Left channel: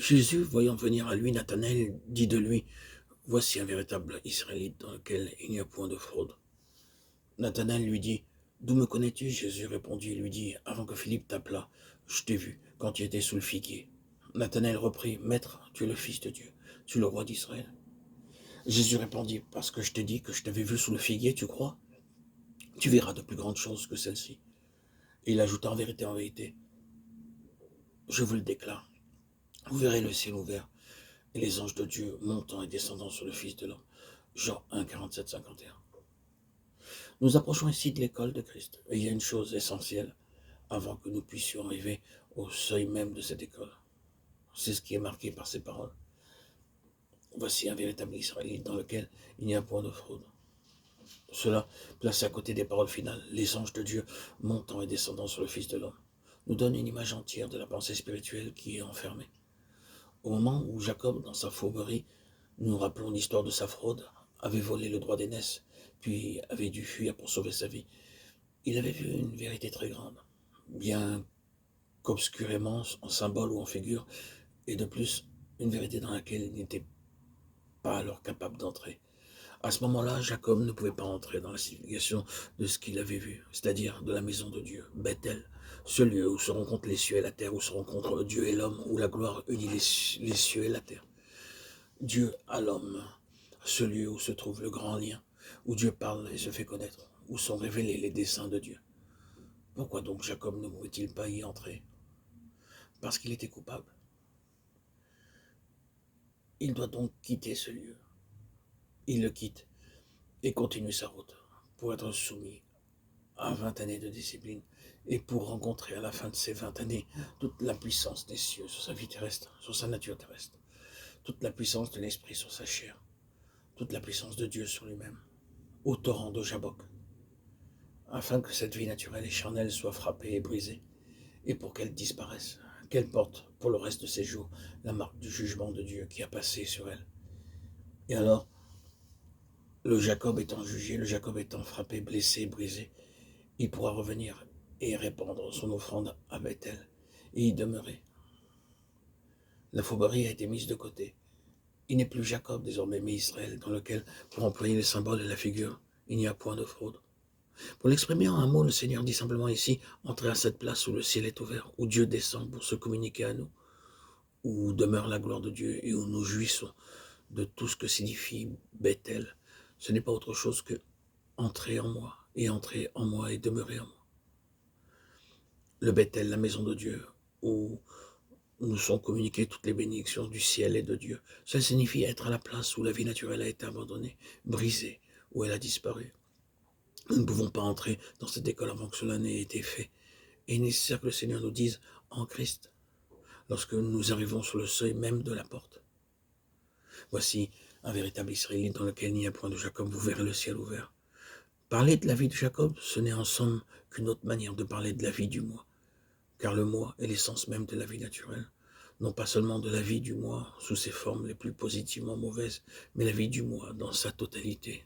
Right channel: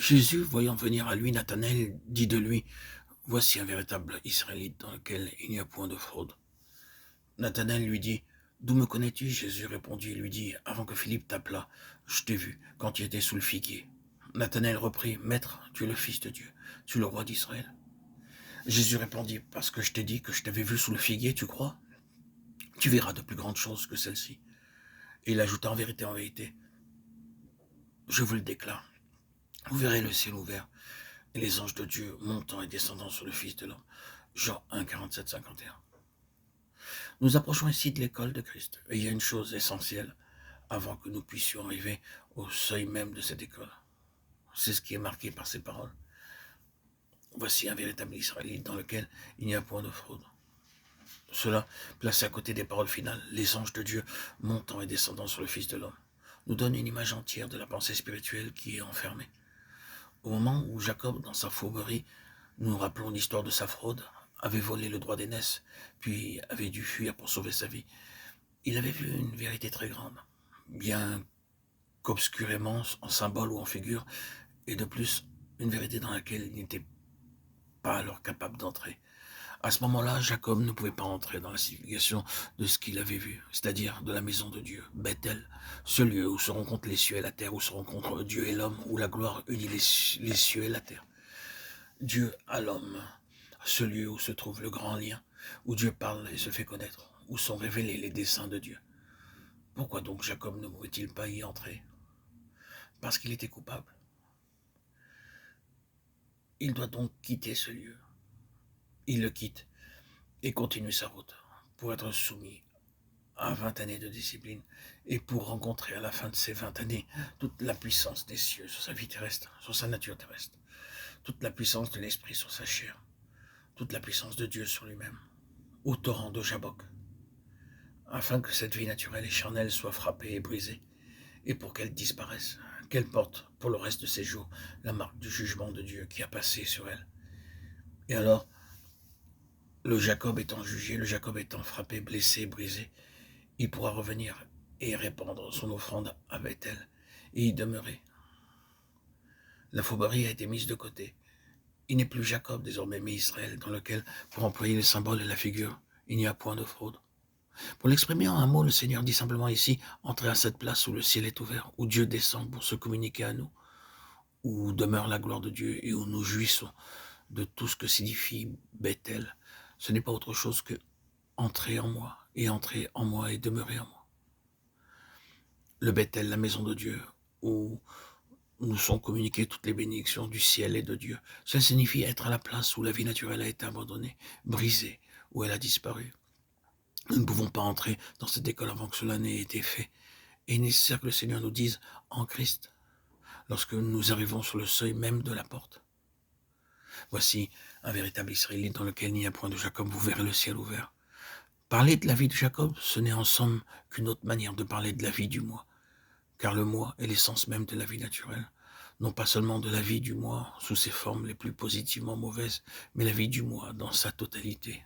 Jésus, voyant venir à lui Nathanaël, dit de lui, voici un véritable Israélite dans lequel il n'y a point de fraude. Nathanaël lui dit, d'où me connais-tu? Jésus répondit et lui dit, avant que Philippe t'appelât, je t'ai vu quand tu étais sous le figuier. Nathanaël reprit, Maître, tu es le Fils de Dieu, tu es le roi d'Israël. Jésus répondit, parce que je t'ai dit que je t'avais vu sous le figuier, tu crois? Tu verras de plus grandes choses que celles-ci. Et il ajouta, en vérité, je vous le déclare, vous verrez le ciel ouvert et les anges de Dieu montant et descendant sur le Fils de l'homme. Jean 1, 47, 51. Nous approchons ici de l'école de Christ. Et il y a une chose essentielle avant que nous puissions arriver au seuil même de cette école. C'est ce qui est marqué par ces paroles. Voici un véritable Israélite dans lequel il n'y a point de fraude. Cela, placé à côté des paroles finales, les anges de Dieu montant et descendant sur le Fils de l'homme, nous donne une image entière de la pensée spirituelle qui est enfermée. Au moment où Jacob, dans sa fourberie, nous rappelons l'histoire de sa fraude, avait volé le droit d'aînesse, puis avait dû fuir pour sauver sa vie, il avait vu une vérité très grande, bien qu'obscurément, en symbole ou en figure, et de plus, une vérité dans laquelle il n'était pas alors capable d'entrer. À ce moment-là, Jacob ne pouvait pas entrer dans la signification de ce qu'il avait vu, c'est-à-dire de la maison de Dieu, Bethel, ce lieu où se rencontrent les cieux et la terre, où se rencontrent Dieu et l'homme, où la gloire unit les cieux et la terre. Dieu à l'homme, ce lieu où se trouve le grand lien, où Dieu parle et se fait connaître, où sont révélés les desseins de Dieu. Pourquoi donc Jacob ne pouvait-il pas y entrer? Parce qu'il était coupable. Il doit donc quitter ce lieu. Il le quitte et continue sa route pour être soumis à 20 années de discipline et pour rencontrer à la fin de ces 20 années toute la puissance des cieux sur sa vie terrestre, sur sa nature terrestre, toute la puissance de l'esprit sur sa chair, toute la puissance de Dieu sur lui-même, au torrent de Jabbok, afin que cette vie naturelle et charnelle soit frappée et brisée, et pour qu'elle disparaisse, qu'elle porte pour le reste de ses jours la marque du jugement de Dieu qui a passé sur elle. Et alors, le Jacob étant jugé, le Jacob étant frappé, blessé, brisé, il pourra revenir et répandre son offrande à Bethel et y demeurer. La fourberie a été mise de côté. Il n'est plus Jacob désormais, mais Israël, dans lequel, pour employer le symbole et la figure, il n'y a point de fraude. Pour l'exprimer en un mot, le Seigneur dit simplement ici, entrez à cette place où le ciel est ouvert, où Dieu descend pour se communiquer à nous, où demeure la gloire de Dieu et où nous jouissons de tout ce que signifie Bethel. Ce n'est pas autre chose que entrer en moi et demeurer en moi. Le Bethel, la maison de Dieu, où nous sont communiquées toutes les bénédictions du ciel et de Dieu. Cela signifie être à la place où la vie naturelle a été abandonnée, brisée, où elle a disparu. Nous ne pouvons pas entrer dans cette école avant que cela n'ait été fait. Et il est nécessaire que le Seigneur nous dise en Christ, lorsque nous arrivons sur le seuil même de la porte. Voici un véritable Israélite dans lequel il n'y a point de Jacob, vous verrez le ciel ouvert. Parler de la vie de Jacob, ce n'est en somme qu'une autre manière de parler de la vie du moi, car le moi est l'essence même de la vie naturelle, non pas seulement de la vie du moi sous ses formes les plus positivement mauvaises, mais la vie du moi dans sa totalité.